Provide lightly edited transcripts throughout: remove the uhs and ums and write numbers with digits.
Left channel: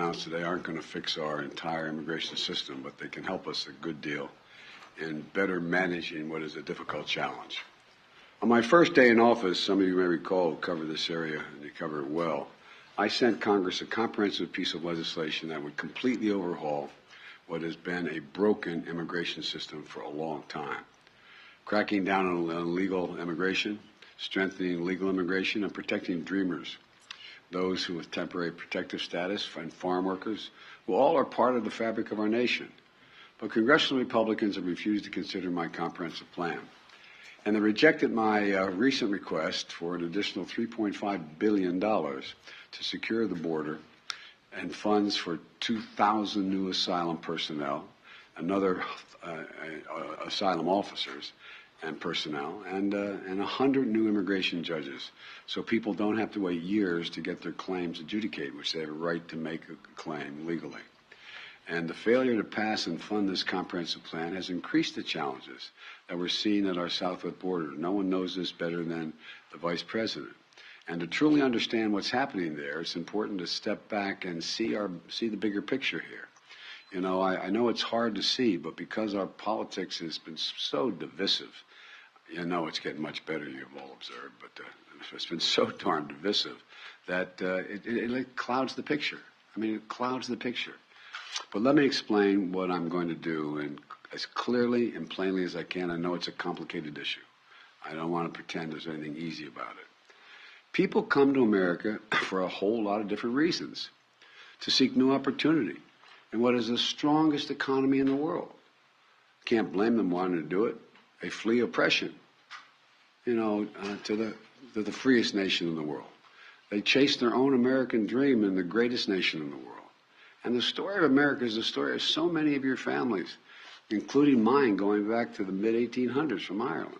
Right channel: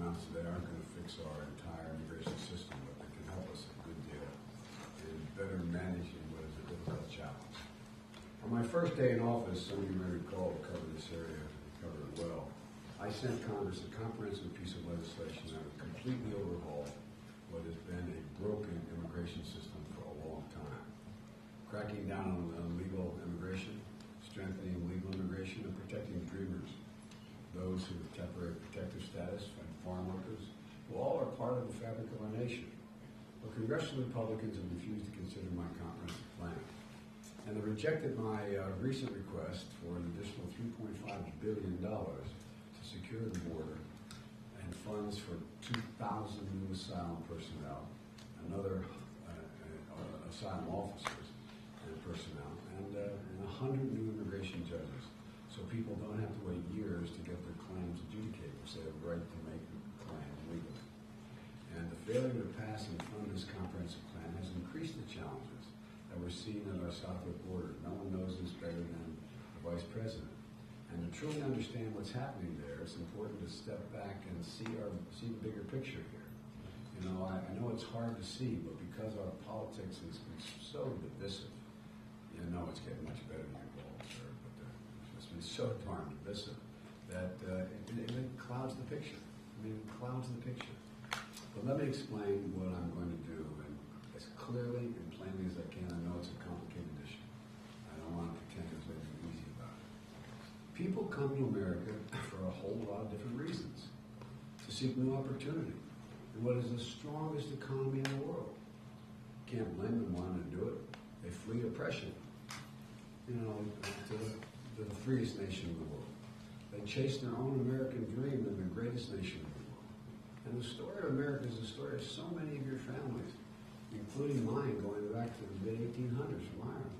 announced today aren't going to fix our entire immigration system, but they can help us a good deal in better managing what is a difficult challenge. On my first day in office, some of you may recall, cover this area, and they cover it well, I sent Congress a comprehensive piece of legislation that would completely overhaul what has been a broken immigration system for a long time. Cracking down on illegal immigration, strengthening legal immigration, and protecting dreamers, those who have temporary protective status, and farm workers, who all are part of the fabric of our nation. But congressional Republicans have refused to consider my comprehensive plan. And they rejected my recent request for an additional $3.5 billion to secure the border and funds for 2,000 new asylum personnel, another asylum officers and personnel, and 100 new immigration judges, so people don't have to wait years to get their claims adjudicated, which they have a right to make a claim legally. And the failure to pass and fund this comprehensive plan has increased the challenges that we're seeing at our southwest border. No one knows this better than the Vice President. And to truly understand what's happening there, it's important to step back and see the bigger picture here. You know, I know it's hard to see, but because our politics has been so divisive, you know it's getting much better, you've all observed, but it's been so darn divisive that it clouds the picture. I mean, it clouds the picture. But let me explain what I'm going to do, and as clearly and plainly as I can. I know it's a complicated issue. I don't want to pretend there's anything easy about it. People come to America for a whole lot of different reasons, to seek new opportunity in what is the strongest economy in the world. Can't blame them wanting to do it. They flee oppression, you know, to the freest nation in the world. They chase their own American dream in the greatest nation in the world. And the story of America is the story of so many of your families, including mine, going back to the mid-1800s from Ireland.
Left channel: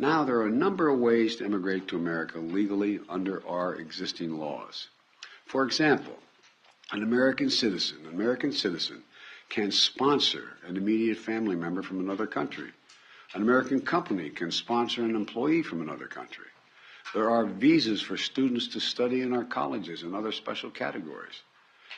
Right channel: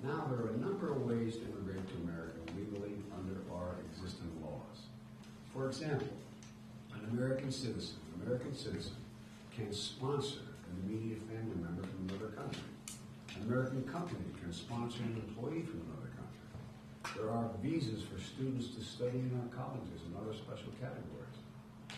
Now, there are a number of ways to immigrate to America legally under our existing laws. For example, an American citizen can sponsor an immediate family member from another country. An American company can sponsor an employee from another country. There are visas for students to study in our colleges and other special categories.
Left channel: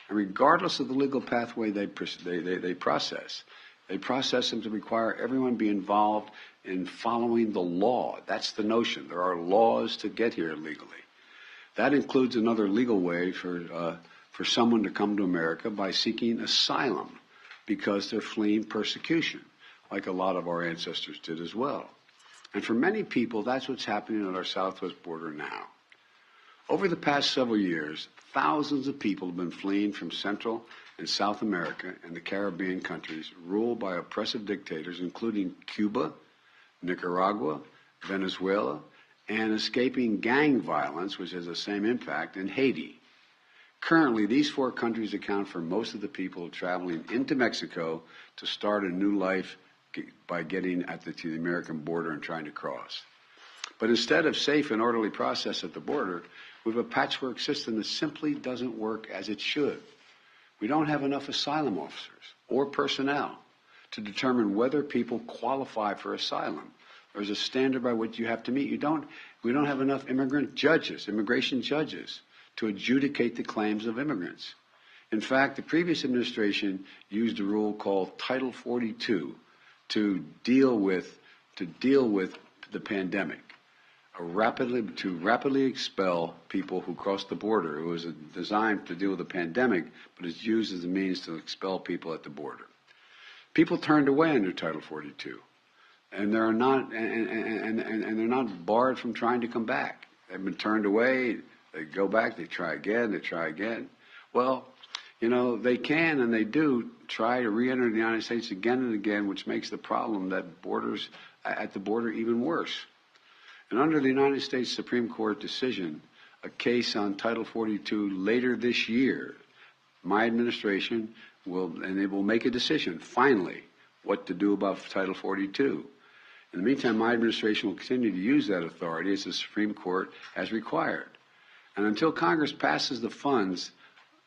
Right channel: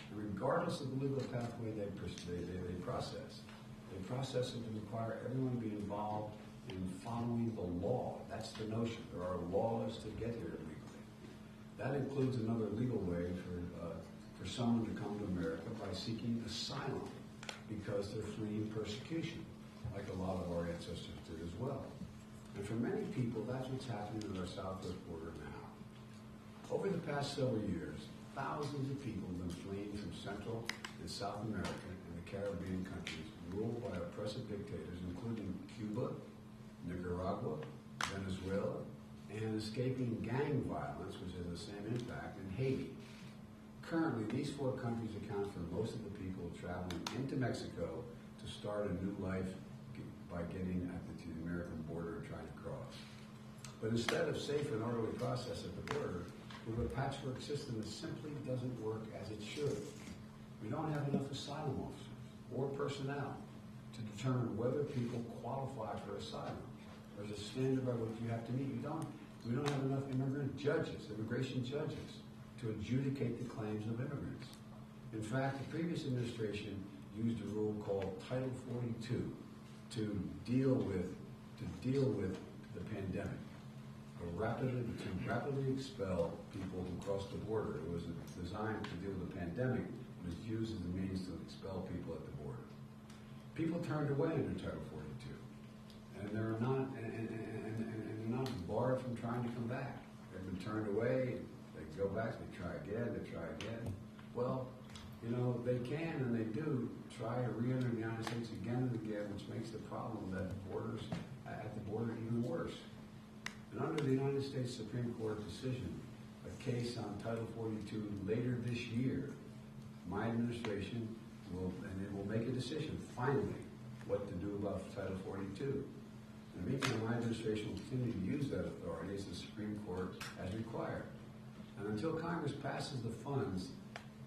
And regardless of the legal pathway they process them to require everyone be involved in following the law. That's the notion. There are laws to get here legally. That includes another legal way for someone to come to America by seeking asylum because they're fleeing persecution, like a lot of our ancestors did as well. And for many people, that's what's happening at our southwest border now. Over the past several years, thousands of people have been fleeing from Central and South America and the Caribbean countries ruled by oppressive dictators, including Cuba, Nicaragua, Venezuela, and escaping gang violence, which has the same impact, in Haiti. Currently, these four countries account for most of the people traveling into Mexico to start a new life by getting to the American border and trying to cross. But instead of safe and orderly process at the border, we have a patchwork system that simply doesn't work as it should. We don't have enough asylum officers or personnel to determine whether people qualify for asylum. There's a standard by which you have to meet. We don't have enough immigration judges, to adjudicate the claims of immigrants. In fact, the previous administration used a rule called Title 42 to deal with the pandemic. To rapidly expel people who crossed the border. It was designed to deal with the pandemic, but it's used as a means to expel people at the border. People turned away under Title 42, and they're not barred from trying to come back. They've been turned away. They go back. They try again. They try again. Well, you know, they can and they do try to re-enter the United States again and again, which makes the problem at the border even worse. And under the United States Supreme Court decision, a case on Title 42 later this year, my administration will make a decision, finally, what to do about Title 42. In the meantime, my administration will continue to use that authority as the Supreme Court has required. And until Congress passes the funds,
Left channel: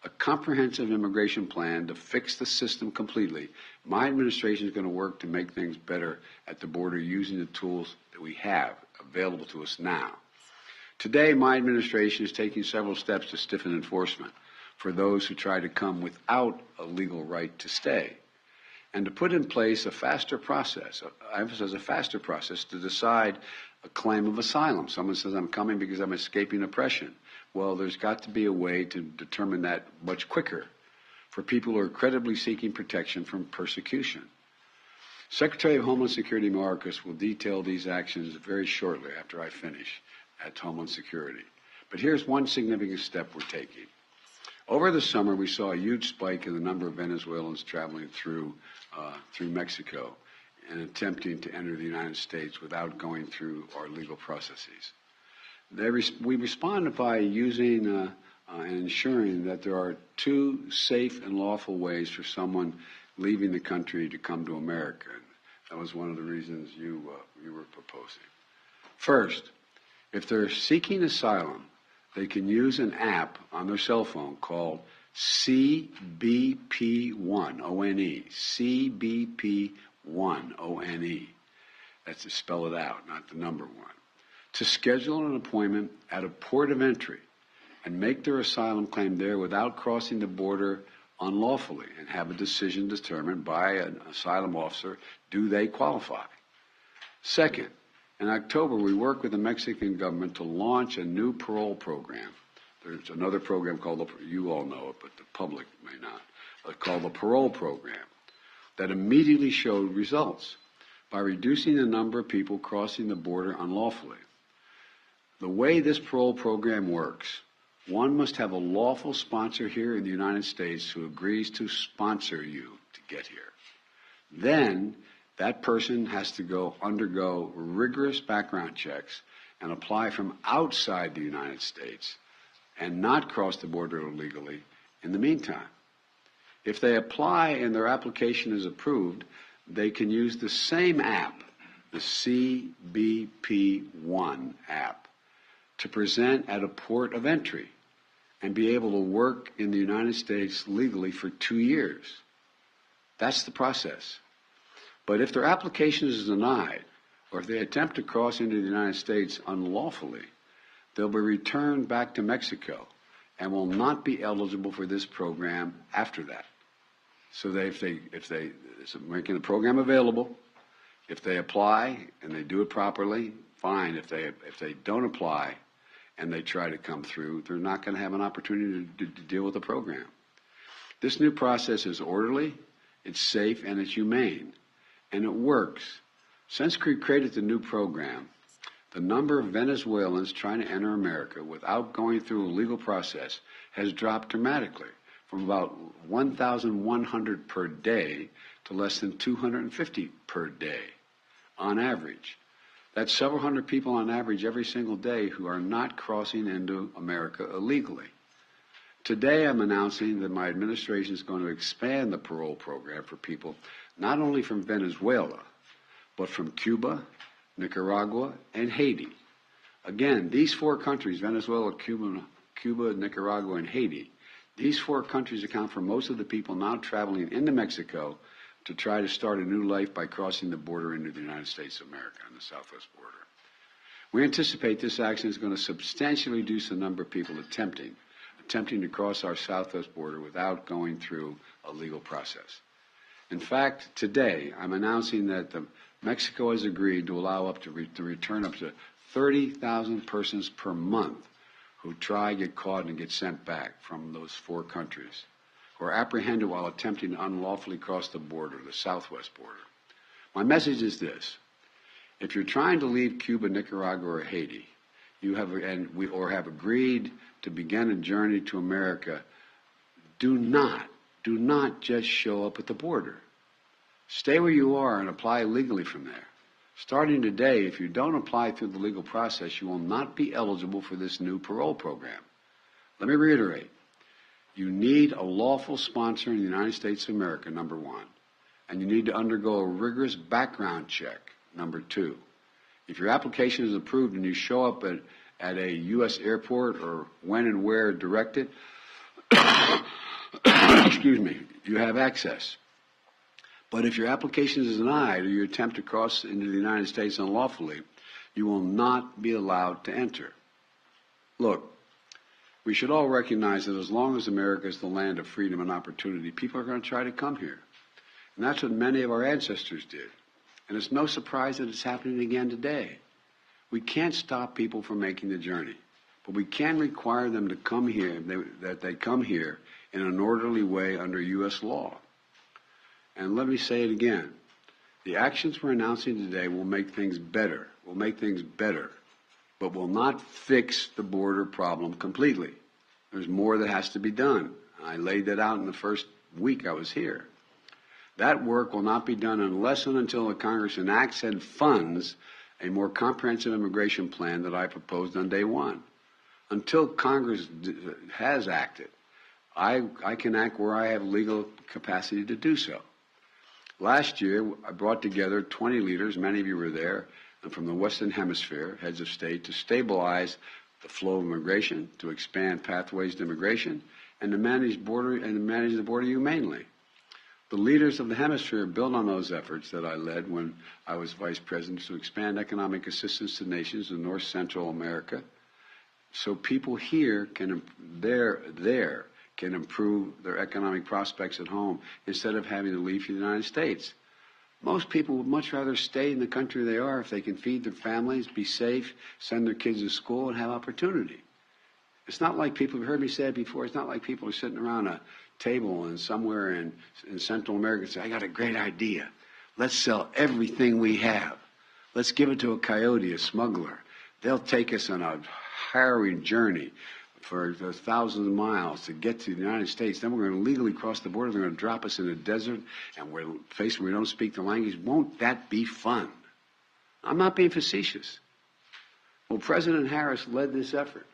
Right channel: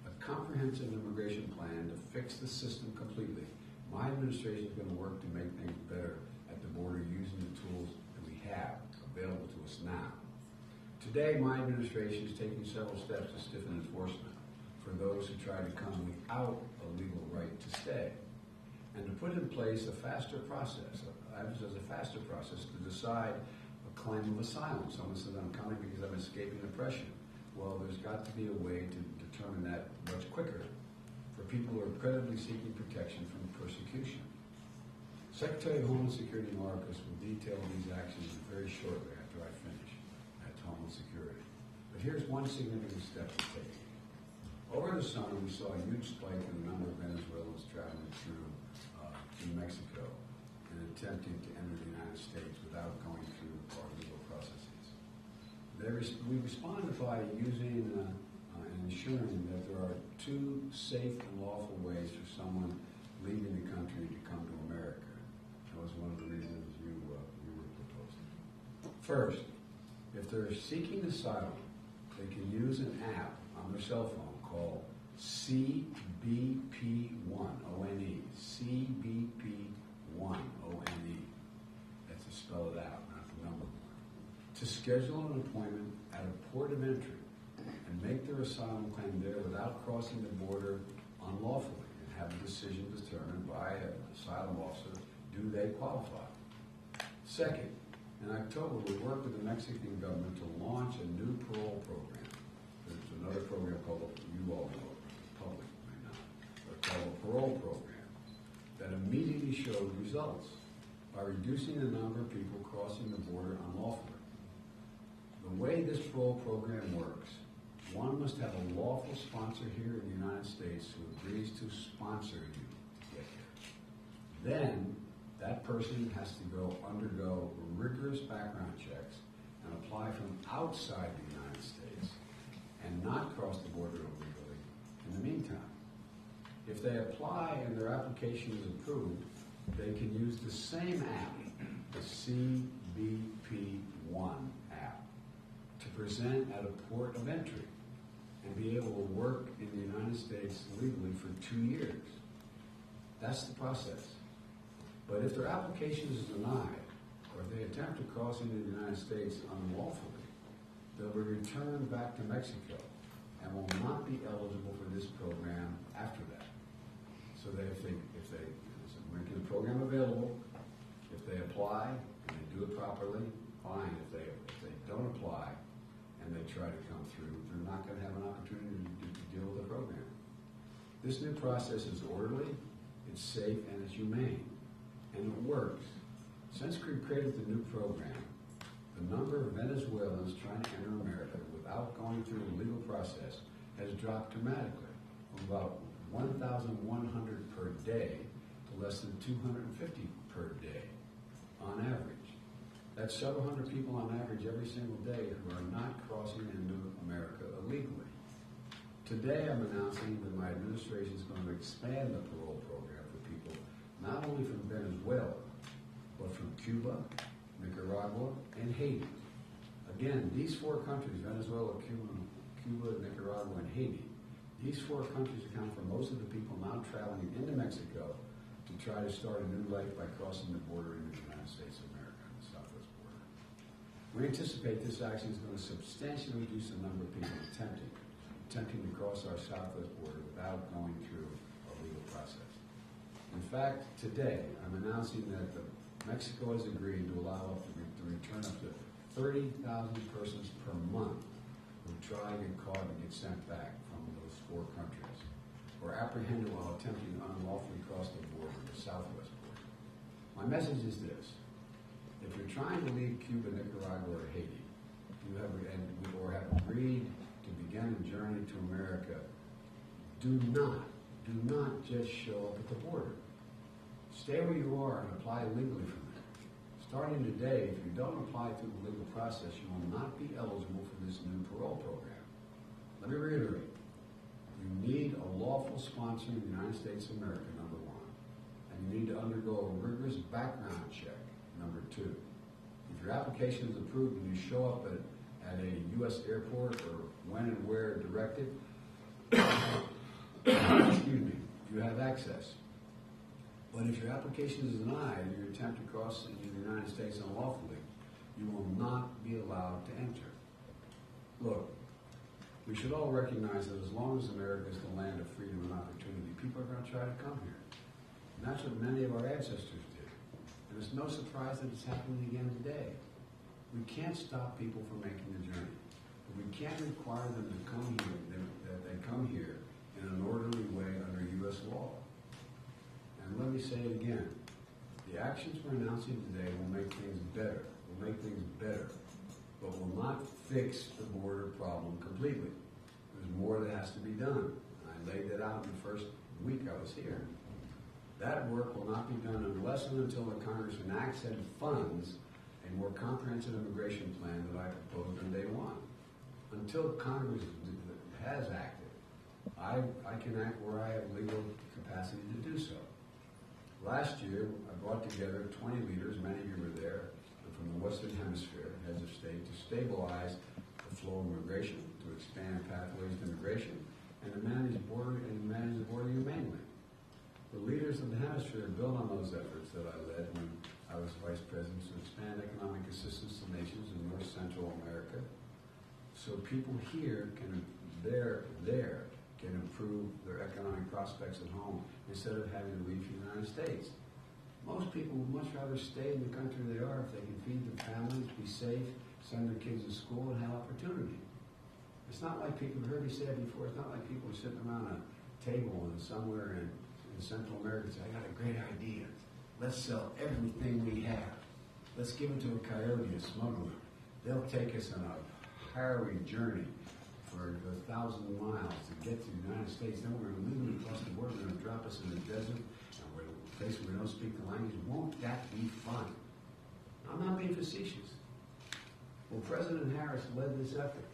a comprehensive immigration plan to fix the system completely, my administration is going to work to make things better at the border using the tools that we have available to us now. Today, my administration is taking several steps to stiffen enforcement. for those who try to come without a legal right to stay, and to put in place a faster process, I emphasize a faster process, to decide a claim of asylum. Someone says, I'm coming because I'm escaping oppression. Well, there's got to be a way to determine that much quicker for people who are credibly seeking protection from persecution. Secretary of Homeland Security Mayorkas will detail these actions very shortly after I finish at Homeland Security. But here's one significant step we're taking. Over the summer, we saw a huge spike in the number of Venezuelans traveling through Mexico and attempting to enter the United States without going through our legal processes. We responded by using and ensuring that there are two safe and lawful ways for someone leaving the country to come to America. That was one of the reasons you were proposing. First, if they're seeking asylum, they can use an app on their cell phone called CBP1, O-N-E, CBP1, O-N-E. That's to spell it out, not the number one. To schedule an appointment at a port of entry and make their asylum claim there without crossing the border unlawfully, and have a decision determined by an asylum officer, do they qualify? Second, in October, we worked with the Mexican government to launch a new parole program. There's another program called, you all know it, but the public may not, called the parole program, that immediately showed results by reducing the number of people crossing the border unlawfully. The way this parole program works, one must have a lawful sponsor here in the United States who agrees to sponsor you to get here. Then that person has to undergo rigorous background checks and apply from outside the United States and not cross the border illegally in the meantime. If they apply and their application is approved, they can use the same app, the CBP1 app, to present at a port of entry and be able to work in the United States legally for 2 years. That's the process. But if their application is denied, or if they attempt to cross into the United States unlawfully, they'll be returned back to Mexico and will not be eligible for this program after that. So if they making the program available, if they apply and they do it properly, fine. If they don't apply and they try to come through, they're not going to have an opportunity to deal with the program. This new process is orderly, it's safe, and it's humane. And it works. Since we created the new program, the number of Venezuelans trying to enter America without going through a legal process has dropped dramatically, from about 1,100 per day to less than 250 per day on average. That's several hundred people on average every single day who are not crossing into America illegally. Today I'm announcing that my administration is going to expand the parole program for people not only from Venezuela, but from Cuba, Nicaragua, and Haiti. Again, these four countries, Venezuela, Cuba, Nicaragua, and Haiti, these four countries account for most of the people now traveling into Mexico to try to start a new life by crossing the border into the United States of America on the southwest border. We anticipate this action is going to substantially reduce the number of people attempting to cross our southwest border without going through a legal process. In fact, today, I'm announcing that Mexico has agreed to allow to return up to 30,000 persons per month who try, get caught, and get sent back from those four countries, who are apprehended while attempting to unlawfully cross the border, the southwest border. My message is this. If you're trying to leave Cuba, Nicaragua, or Haiti, or have agreed to begin a journey to America, do not just show up at the border. Stay where you are and apply legally from there. Starting today, if you don't apply through the legal process, you will not be eligible for this new parole program. Let me reiterate. You need a lawful sponsor in the United States of America, number one. And you need to undergo a rigorous background check, number two. If your application is approved and you show up at a U.S. airport or when and where directed, excuse me, you have access. But if your application is denied or you attempt to cross into the United States unlawfully, you will not be allowed to enter. Look, We should all recognize that as long as America is the land of freedom and opportunity, people are going to try to come here. And that's what many of our ancestors did. And it's no surprise that it's happening again today. We can't stop people from making the journey, but we can require them to come here, that they come here in an orderly way under U.S. law. And let me say it again. The actions we're announcing today will make things better, but will not fix the border problem completely. There's more that has to be done. I laid that out in the first week I was here. That work will not be done unless and until the Congress enacts and funds a more comprehensive immigration plan that I proposed on day one. Until Congress has acted, I can act where I have legal capacity to do so. Last year, I brought together 20 leaders, many of you were there, from the Western Hemisphere, heads of state, to stabilize the flow of immigration, to expand pathways to immigration, and to manage the border humanely. The leaders of the hemisphere built on those efforts that I led when I was vice president to expand economic assistance to nations in North Central America, so people here can improve their economic prospects at home instead of having to leave for the United States. Most people would much rather stay in the country they are if they can feed their families, be safe, send their kids to school, and have opportunity. It's not like people, you've heard me say it before, it's not like people are sitting around a table and somewhere in Central America and say, I got a great idea. Let's sell everything we have. Let's give it to a coyote, a smuggler. They'll take us on a harrowing journey for thousands of miles to get to the United States. Then we're going to legally cross the border. They're going to drop us in the desert, and we're faced where we don't speak the language. Won't that be fun? I'm not being facetious. Well, President Harris led this effort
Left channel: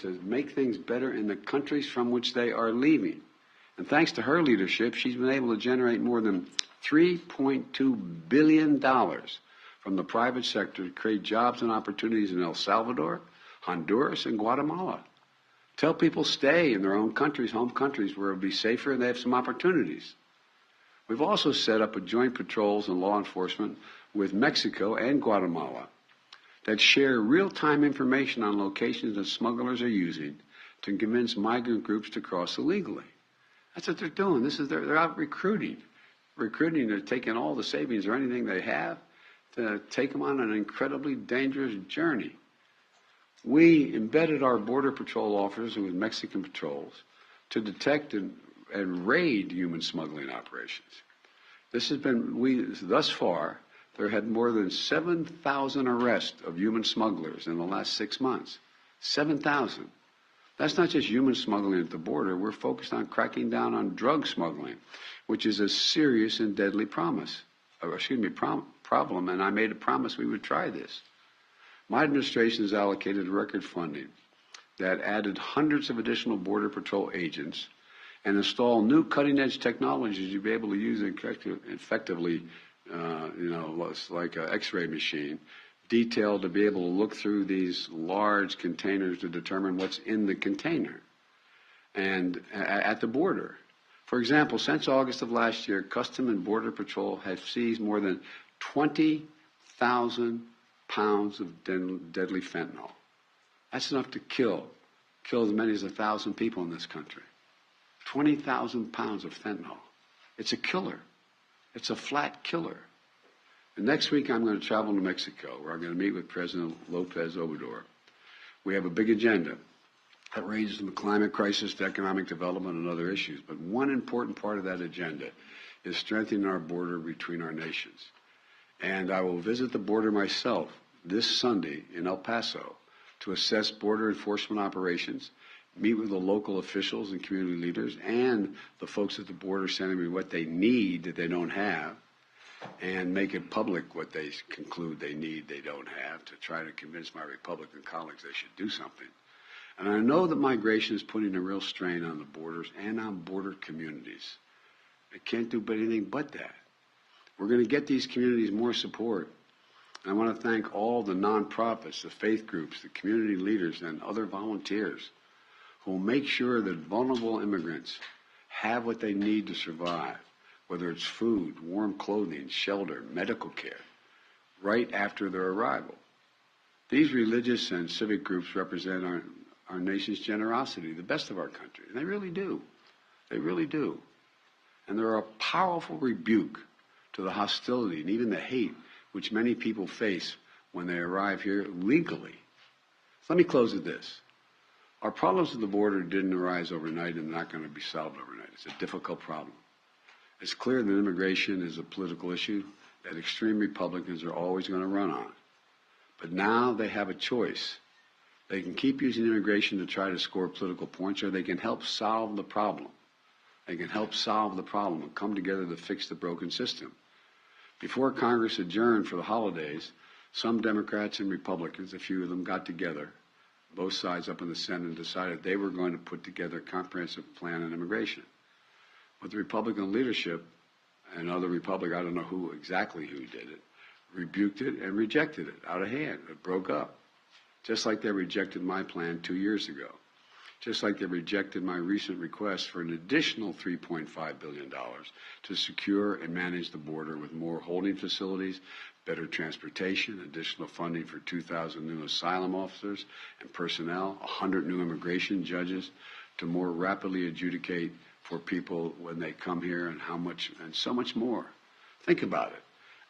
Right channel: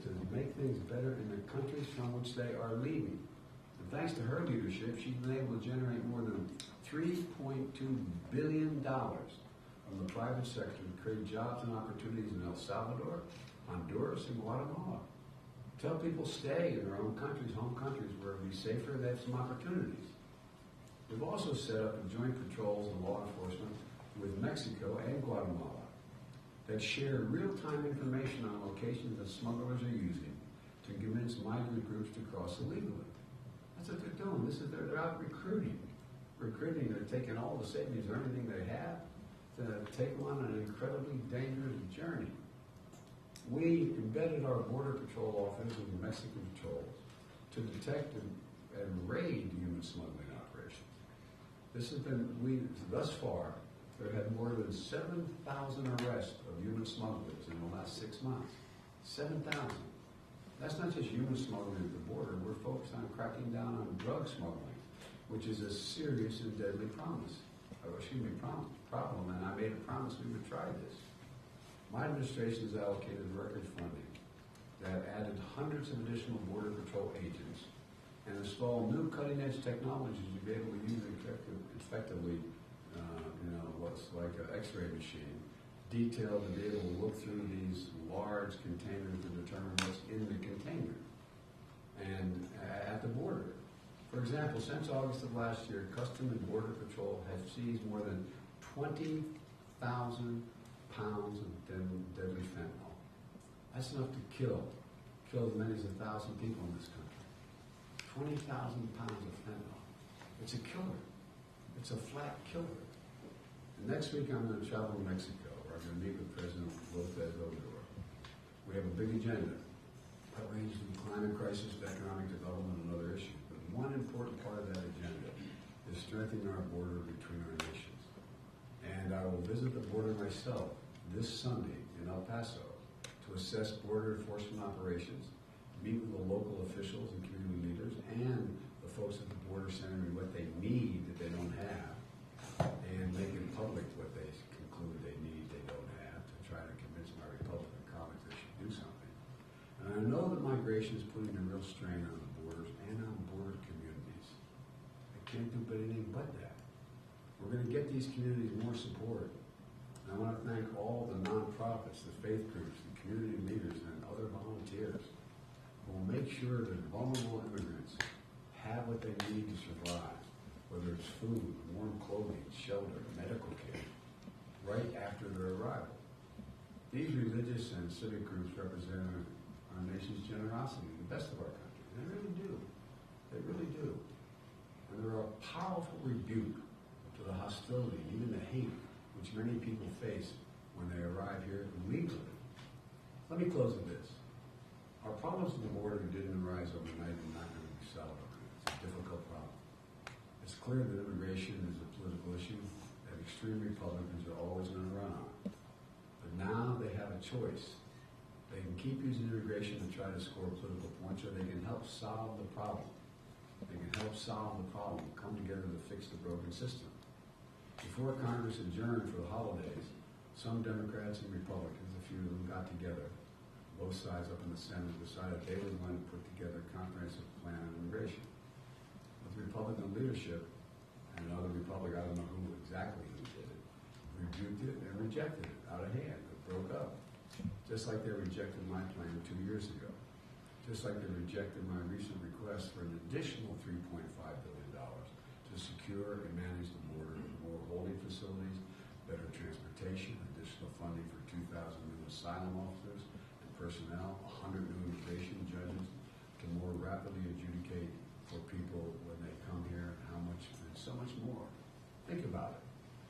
to make things better in the countries from which they are leaving. And thanks to her leadership, she's been able to generate more than $3.2 billion from the private sector to create jobs and opportunities in El Salvador, Honduras, and Guatemala. Tell people stay in their own countries, home countries, where it'll be safer and they have some opportunities. We've also set up a joint patrols and law enforcement with Mexico and Guatemala that share real-time information on locations that smugglers are using to convince migrant groups to cross illegally. That's what they're doing. They're out recruiting. They're taking all the savings or anything they have to take them on an incredibly dangerous journey. We embedded our Border Patrol officers with Mexican patrols to detect and raid human smuggling operations. Thus far, there had more than 7,000 arrests of human smugglers in the last 6 months. 7,000. That's not just human smuggling at the border. We're focused on cracking down on drug smuggling, which is a serious and deadly problem. And I made a promise we would try this. My administration has allocated record funding that added hundreds of additional Border Patrol agents and installed new cutting-edge technologies you'll be able to use effectively, like an X-ray machine, detailed to be able to look through these large containers to determine what's in the container and at the border. For example, since August of last year, Customs and Border Patrol have seized more than 20,000 pounds of deadly fentanyl. That's enough to kill as many as 1,000 people in this country. 20,000 pounds of fentanyl. It's a killer. It's a flat killer. And next week I'm going to travel to Mexico, where I'm going to meet with President Lopez Obrador. We have a big agenda that ranges from the climate crisis to economic development and other issues. But one important part of that agenda is strengthening our border between our nations. And I will visit the border myself this Sunday in El Paso to assess border enforcement operations, meet with the local officials and community leaders and the folks at the border sending me what they need that they don't have, and make it public what they conclude they need they don't have to try to convince my Republican colleagues they should do something. And I know that migration is putting a real strain on the borders and on border communities. I can't do anything but that. We're going to get these communities more support. And I want to thank all the nonprofits, the faith groups, the community leaders, and other volunteers who will make sure that vulnerable immigrants have what they need to survive, whether it's food, warm clothing, shelter, medical care, right after their arrival. These religious and civic groups represent our nation's generosity, the best of our country. And they really do. They really do. And they're a powerful rebuke to the hostility and even the hate which many people face when they arrive here legally. So let me close with this. Our problems at the border didn't arise overnight and not going to be solved overnight. It's a difficult problem. It's clear that immigration is a political issue that extreme Republicans are always going to run on. But now they have a choice. They can keep using immigration to try to score political points, or they can help solve the problem. They can help solve the problem and come together to fix the broken system. Before Congress adjourned for the holidays, some Democrats and Republicans, a few of them, got together, both sides up in the Senate, and decided they were going to put together a comprehensive plan on immigration. But the Republican leadership and other Republicans, I don't know who did it, rebuked it and rejected it out of hand. It broke up. Just like they rejected my plan 2 years ago. Just like they rejected my recent request for an additional $3.5 billion to secure and manage the border with more holding facilities, better transportation, additional funding for 2,000 new asylum officers and personnel, 100 new immigration judges to more rapidly adjudicate for people when they come here, and how much, and so much more. Think about it.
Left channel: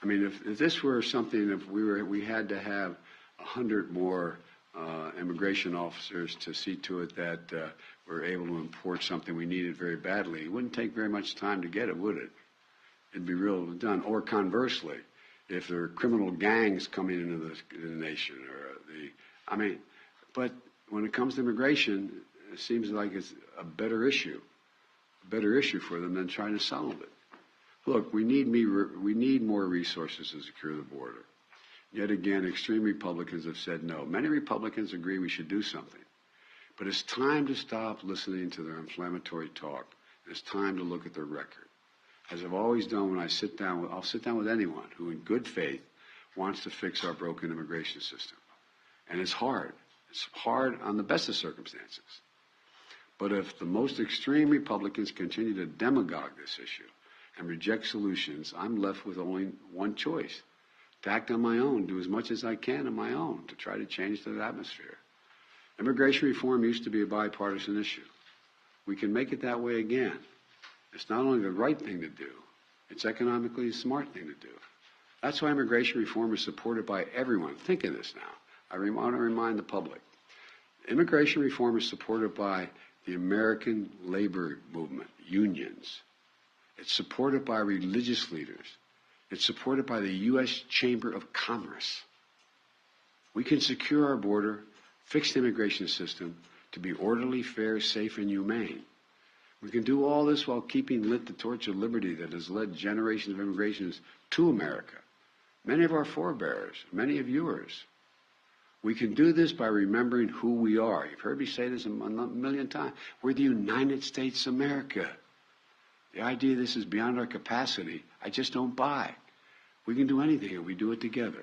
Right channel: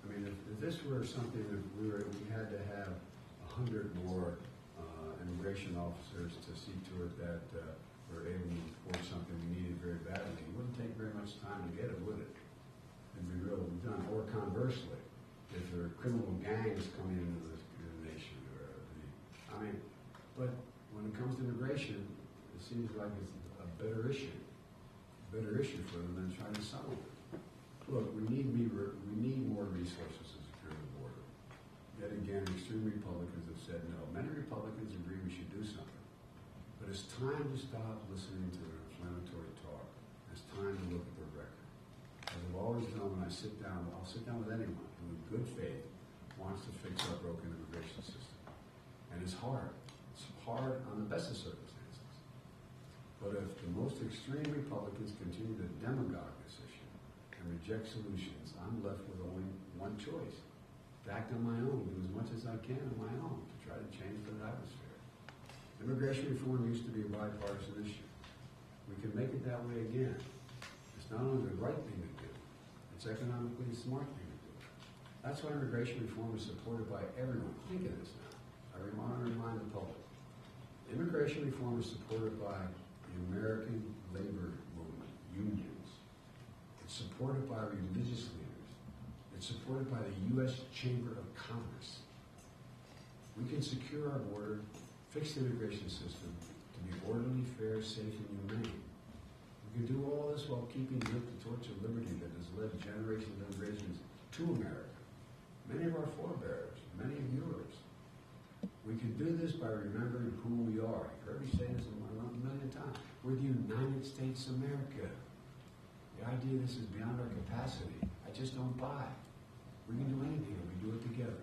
I mean, if this were something, if we had to have 100 more immigration officers to see to it that we're able to import something we needed very badly, it wouldn't take very much time to get it, would it? It'd be real done. Or conversely, if there are criminal gangs coming into the nation, or but when it comes to immigration, it seems like it's a better issue for them than trying to solve it. Look, we need more resources to secure the border. Yet again, extreme Republicans have said no. Many Republicans agree we should do something. But it's time to stop listening to their inflammatory talk. It's time to look at their record. As I've always done when I'll sit down with anyone who in good faith wants to fix our broken immigration system. And it's hard. It's hard on the best of circumstances. But if the most extreme Republicans continue to demagogue this issue and reject solutions, I'm left with only one choice: to act on my own, do as much as I can on my own to try to change that atmosphere. Immigration reform used to be a bipartisan issue. We can make it that way again. It's not only the right thing to do, it's economically the smart thing to do. That's why immigration reform is supported by everyone. Think of this now. I want to remind the public. Immigration reform is supported by the American labor movement, unions. It's supported by religious leaders. It's supported by the U.S. Chamber of Commerce. We can secure our border, fix the immigration system to be orderly, fair, safe, and humane. We can do all this while keeping lit the torch of liberty that has led generations of immigrants to America. Many of our forebears, many of yours. We can do this by remembering who we are. You've heard me say this a million times. We're the United States of America. The idea this is beyond our capacity, I just don't buy. We can do anything if we do it together.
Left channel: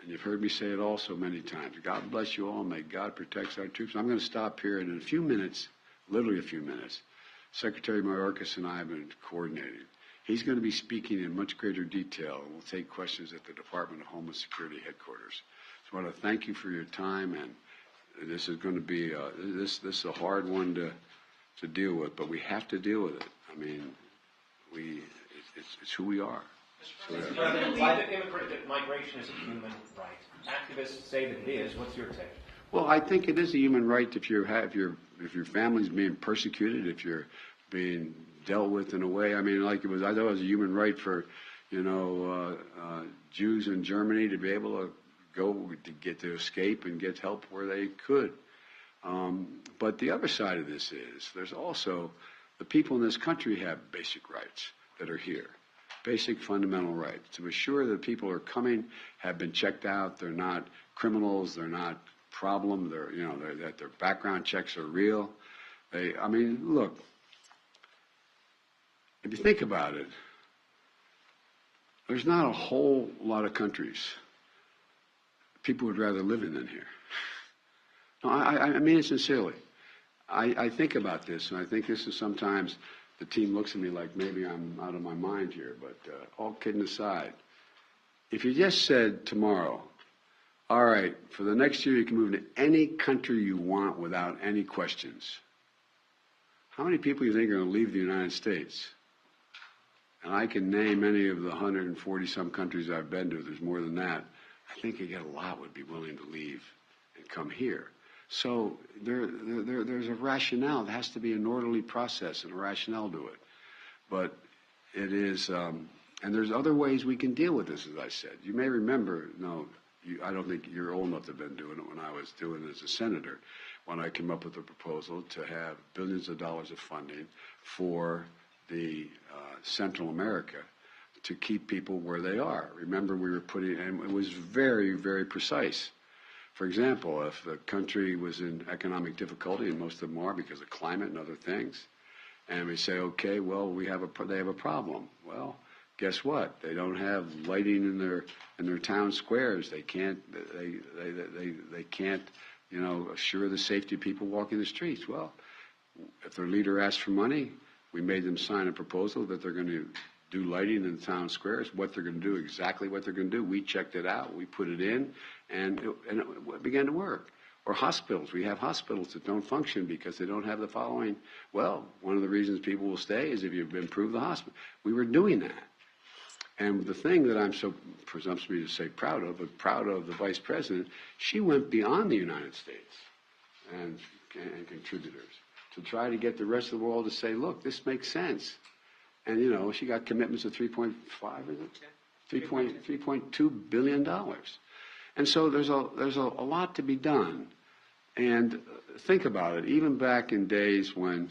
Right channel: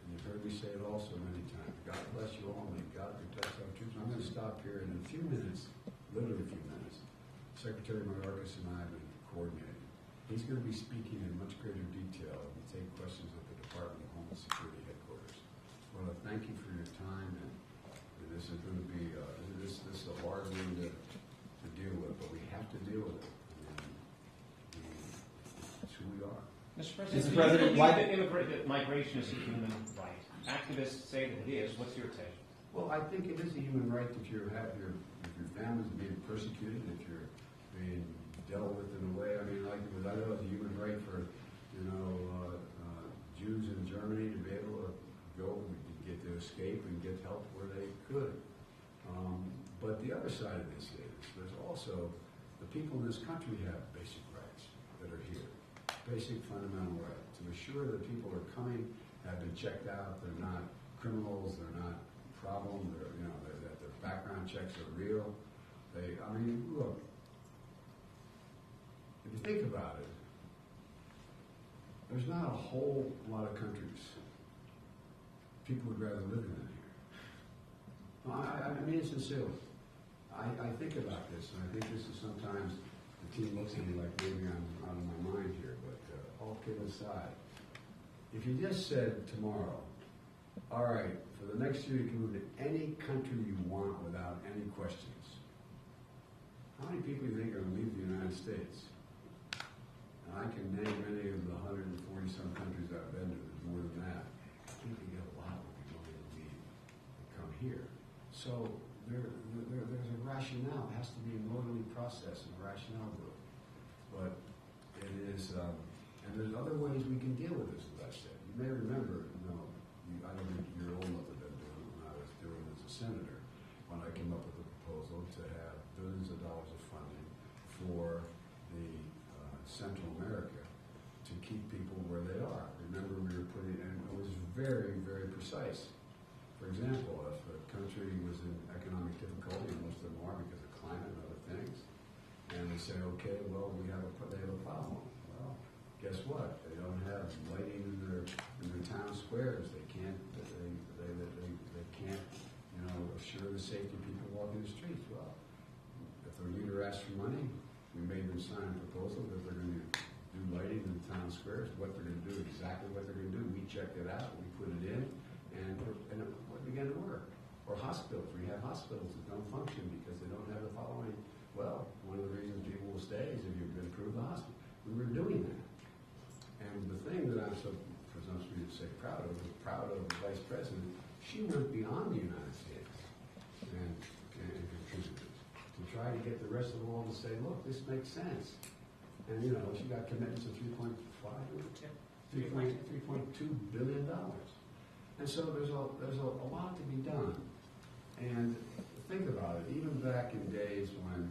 And you've heard me say it also many times. God bless you all. May God protect our troops. I'm going to stop here, and in a few minutes, literally a few minutes, Secretary Mayorkas and I have been coordinating. He's going to be speaking in much greater detail. We'll take questions at the Department of Homeland Security headquarters. So I want to thank you for your time, and this is going to be this is a hard one to deal with, but we have to deal with it. I mean, it's who we are. Mr. President, why that migration is a human right? Activists say that it is. What's your take? Well, I think it is a human right if your family's being persecuted, if you're being dealt with in a way. I mean, like I thought it was a human right for, Jews in Germany to be able to go to escape and get help where they could. But the other side of this is there's also the people in this country have basic rights that are here, basic fundamental rights to assure that people are coming, have been checked out, they're not criminals, they're not problem, that their background checks are real. Look, if you think about it, there's not a whole lot of countries people would rather live in than here. No, I mean it sincerely. I think about this, and I think this is sometimes the team looks at me like maybe I'm out of my mind here, but all kidding aside, if you just said tomorrow, All right, for the next year, you can move to any country you want without any questions. How many people do you think are going to leave the United States? And I can name any of the 140-some countries I've been to. There's more than that. I think a lot would be willing to leave and come here. So there's a rationale. There has to be an orderly process and a rationale to it. But it is, and there's other ways we can deal with this, as I said. You may remember, I don't think you're old enough to have been doing it when I was doing it as a senator, when I came up with a proposal to have billions of dollars of funding for the Central America to keep people where they are. Remember, we were putting, and it was very, very precise. For example, if the country was in economic difficulty, and most of them are because of climate and other things, and we say, okay, well, they have a problem. Well, guess what? They don't have lighting in their town squares. They can't assure the safety of people walking the streets. Well, if their leader asked for money, we made them sign a proposal that they're going to do lighting in the town squares, what they're going to do, exactly what they're going to do. We checked it out, we put it in, and it began to work. Or hospitals. We have hospitals that don't function because they don't have the following. Well, one of the reasons people will stay is if you've improved the hospital. We were doing that. And the thing that I'm so presumptuous to say proud of, but proud of the Vice President, she went beyond the United States and contributors to try to get the rest of the world to say, look, this makes sense. And, she got commitments of $3.2 billion. And so there's a lot to be done. And think about it, even back in days when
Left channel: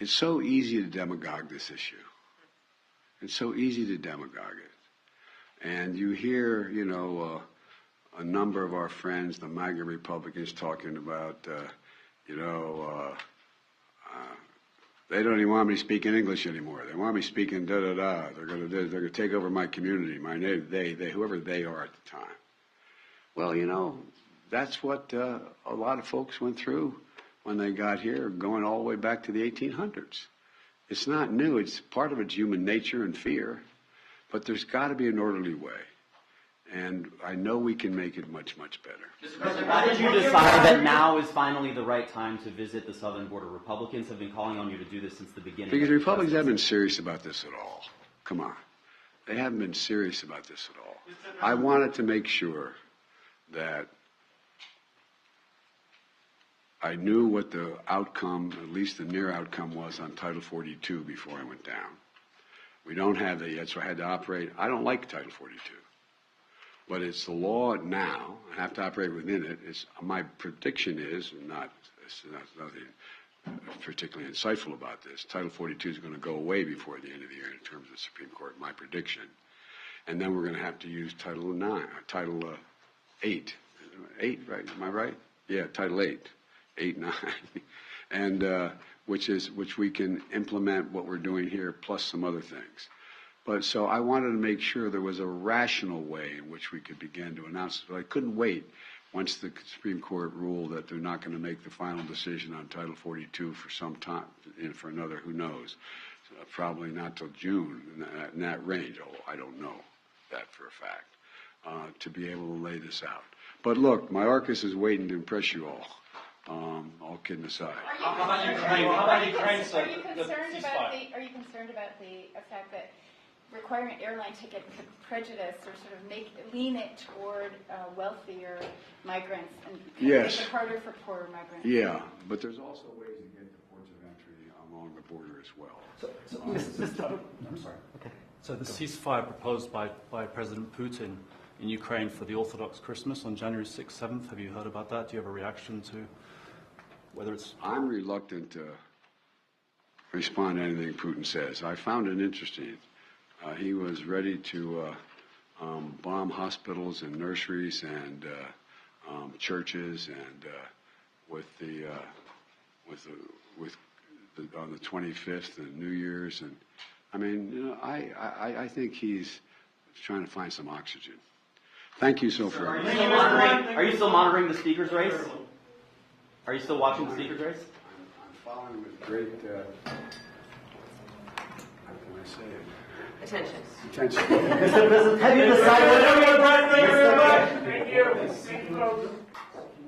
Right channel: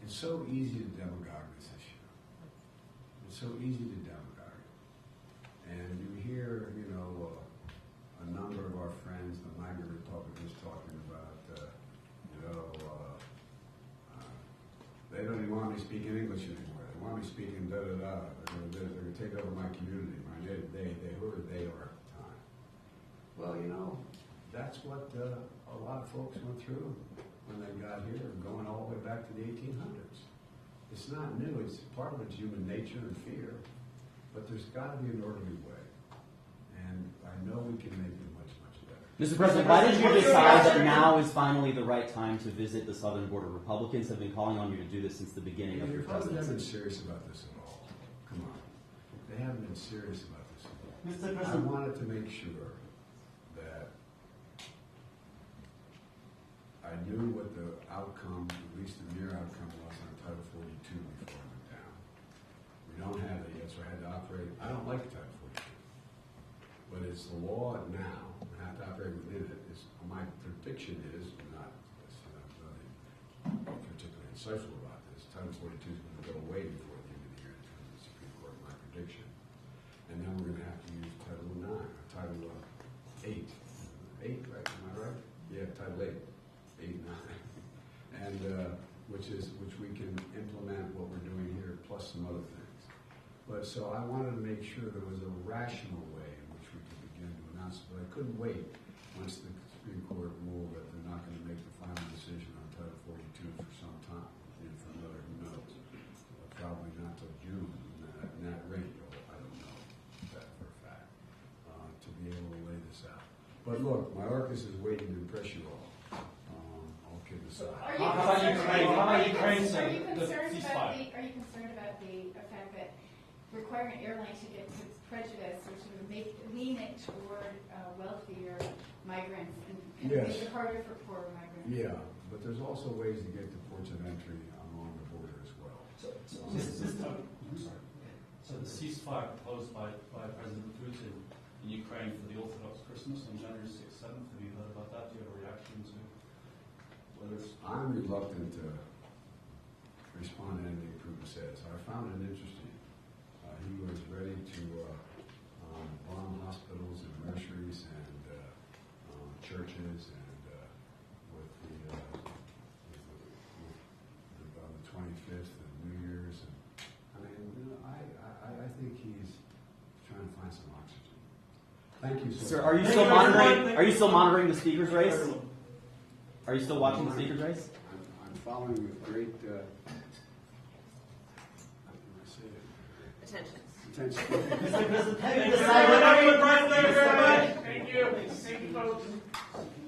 it's so easy to demagogue this issue. It's so easy to demagogue it. And you hear, a number of our friends, the MAGA Republicans, talking about, they don't even want me speaking English anymore. They want me speaking da-da-da. They're going to take over my community, my name, they, whoever they are at the time. Well, that's what a lot of folks went through when they got here, going all the way back to the 1800s. It's not new. It's part of it's human nature and fear, but there's got to be an orderly way. And I know we can make it much, much better. Mr. President, why did you decide that now is finally the right time to visit the southern border? Republicans have been calling on you to do this since the beginning. Because the Republicans haven't been serious about this at all. Come on. They haven't been serious about this at all. I wanted to make sure that I knew what the outcome, at least the near outcome, was on Title 42 before I went down. We don't have that yet, so I had to operate. I don't like Title 42. But it's the law now. I have to operate within it. My prediction is, there's nothing particularly insightful about this, Title 42 is going to go away before the end of the year in terms of the Supreme Court, my prediction. And then we're going to have to use Title 8. 8, right? Am I right? Yeah, Title 8. 8, 9. And which we can implement what we're doing here, plus some other things. But so I wanted to make sure there was a rational way in which we could begin to announce it. But I couldn't wait once the Supreme Court ruled that they're not going to make the final decision on Title 42 for some time, for another, who knows, probably not till June, in that range, although I don't know that for a fact, to be able to lay this out. But look, my Arcus is waiting to impress you all. All kidding aside. How about Ukraine, sir? Are you concerned about the fact that requiring airlines to get prejudice or sort of lean it toward wealthier migrants and yes. make it harder for poorer migrants? Yeah, but there's also ways to get to ports of entry along the border as well. I'm sorry. Okay. So the ceasefire proposed by President Putin in Ukraine for the Orthodox Christmas on January 6th, 7th, have you heard about that? Do you have a reaction to whether it's... I'm reluctant to respond to anything Putin says. I found it interesting. He was ready to bomb hospitals and nurseries and churches, and on the 25th and New Year's, and I mean, I think he's trying to find some oxygen. Thank you so far. Are you still monitoring the speaker's race? Are you still watching the speaker's race? I'm following with great. How can I say it? Attention. Attention. Mr. President, have you decided? Thank you very much. Thank you.